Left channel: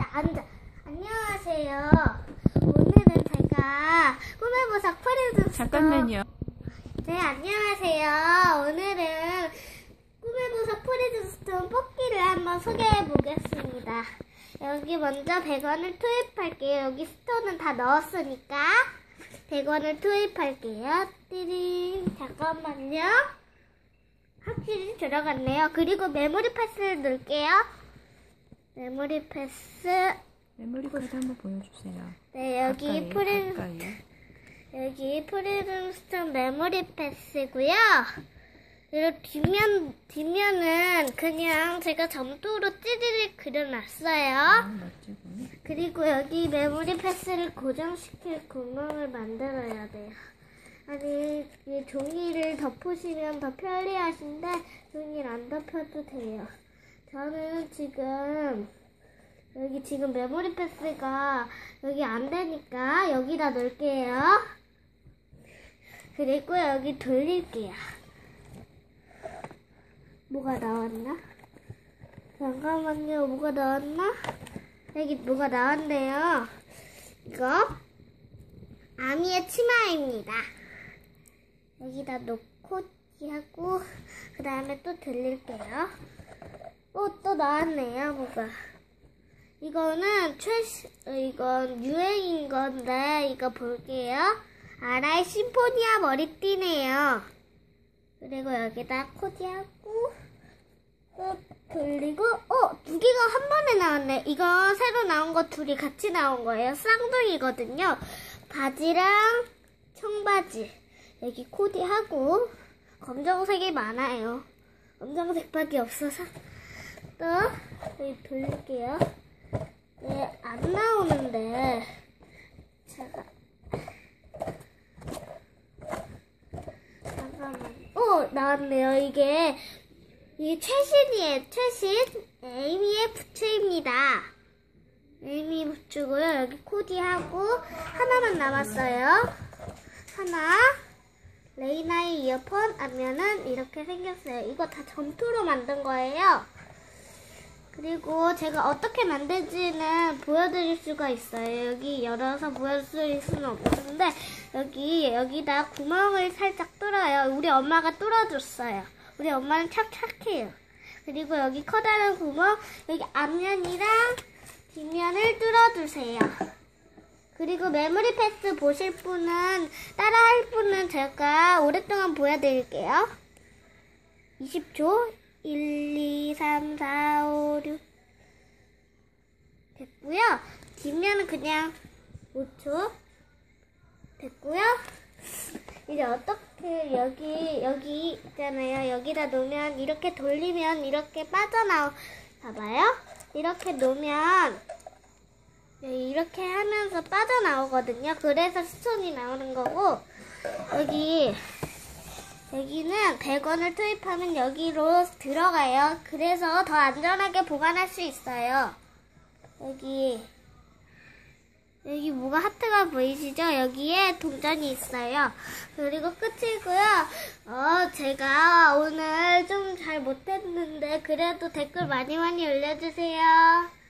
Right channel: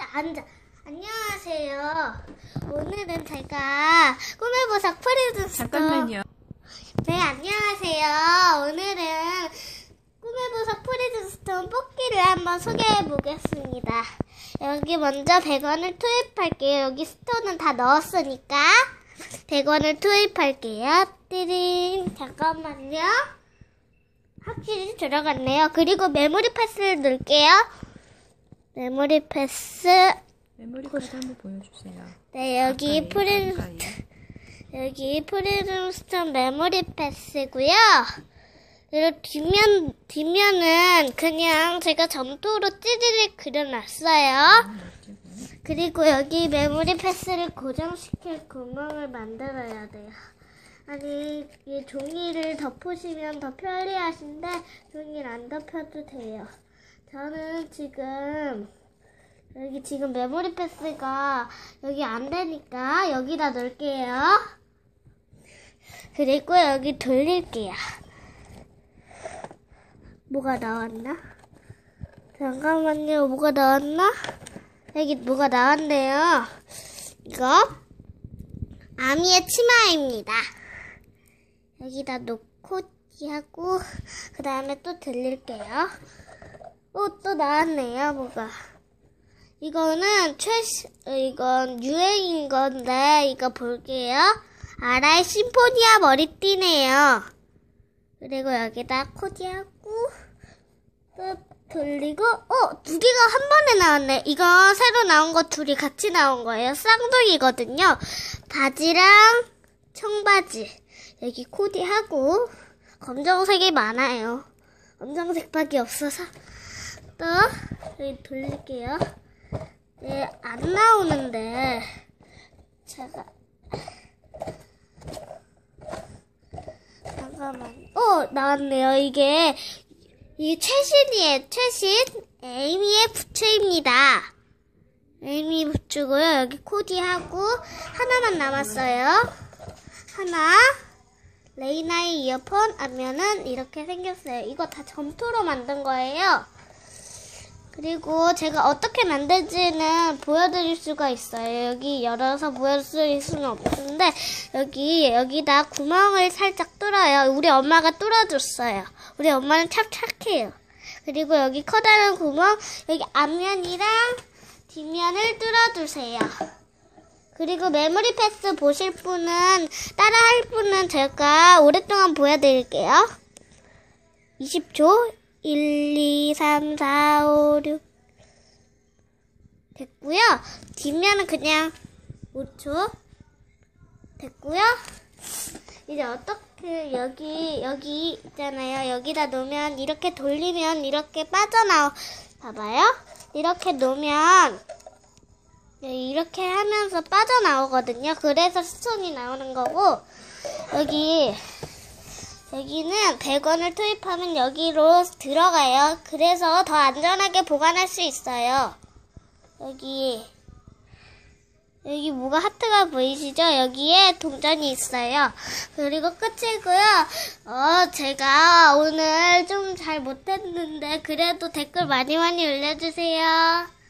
앉아, 앉아. 안녕하세요. 오늘은 제가 꿈의 보석 프리즌 잠깐만요. 네, 안녕하세요. 오늘은 꿈의 보석 프리즌 스톤 뽑기를 한번 소개해 보겠습니다. 여기 먼저 100원을 투입할게요. 여기 스톤은 다 넣었으니까 100원을 투입할게요. 띠링. 잠깐만요. 확실히 들어갔네요. 그리고 메모리 패스를 넣을게요. 메모리 패스. 메모리 카드 한번 보여주세요. 네, 여기 가까이, 프린, 가까이. 여기 프리즘스톤 메모리 패스고요. 그리고 뒷면 뒷면은 그냥 제가 점토로 찌리를 그려놨어요. 아. 그리고 여기 메모리 패스를 고정시킬 구멍을 만들어야 돼요. 아니 이 종이를 덮으시면 더 편리하신데 종이를 안 덮어도 돼요. 저는 지금 여기 지금 메모리 패스가 여기 안 되니까 여기다 넣을게요. 그리고 여기 돌릴게요. 뭐가 나왔나? 잠깐만요. 뭐가 나왔나? 여기 뭐가 나왔네요. 이거 아미의 치마입니다. 여기다 놓고 하고 그 다음에 또 들릴게요. 어, 또 나왔네요. 뭐가. 이거는 최신, 어, 이건 유행인 건데, 이거 볼게요. 아라의 심포니아 머리띠네요. 그리고 여기다 코디하고, 또 돌리고, 어, 두 개가 한 번에 나왔네. 이거 새로 나온 거 둘이 같이 나온 거예요. 쌍둥이거든요. 바지랑 청바지. 여기 코디하고, 검정색이 많아요. 검정색밖에 없어서. 또, 여기 돌릴게요. 네, 안 나오는데, 제가, 잠깐만. 어, 나왔네요. 이게, 이게 최신이에요. 최신. 에이미의 부츠입니다. 에이미 부츠고요. 여기 코디하고, 하나만 남았어요. 하나. 레이나의 이어폰 하면은 이렇게 생겼어요. 이거 다 점토로 만든 거예요. 그리고 제가 어떻게 만들지는 보여드릴 수가 있어요. 여기 열어서 보여드릴 수는 없는데 여기 여기다 구멍을 살짝 뚫어요. 우리 엄마가 뚫어줬어요. 우리 엄마는 참 착해요. 그리고 여기 커다란 구멍 여기 앞면이랑 뒷면을 뚫어주세요. 그리고 메모리 패스 보실 분은 따라 할 분은 제가 오랫동안 보여드릴게요. 20초 1, 2, 3, 4, 5, 6 됐고요. 뒷면은 그냥 5초 됐고요. 이제 어떻게 여기 여기 있잖아요. 여기다 놓으면 이렇게 돌리면 이렇게 빠져나오. 봐봐요. 이렇게 놓으면 네, 이렇게 하면서 빠져나오거든요. 그래서 스톤이 나오는 거고 여기 여기는 100원을 투입하면 여기로 들어가요. 그래서 더 안전하게 보관할 수 있어요. 여기 여기 뭐가 하트가 보이시죠? 여기에 동전이 있어요. 그리고 끝이고요. 어, 제가 오늘 좀 잘 못했는데 그래도 댓글 많이 많이 올려주세요.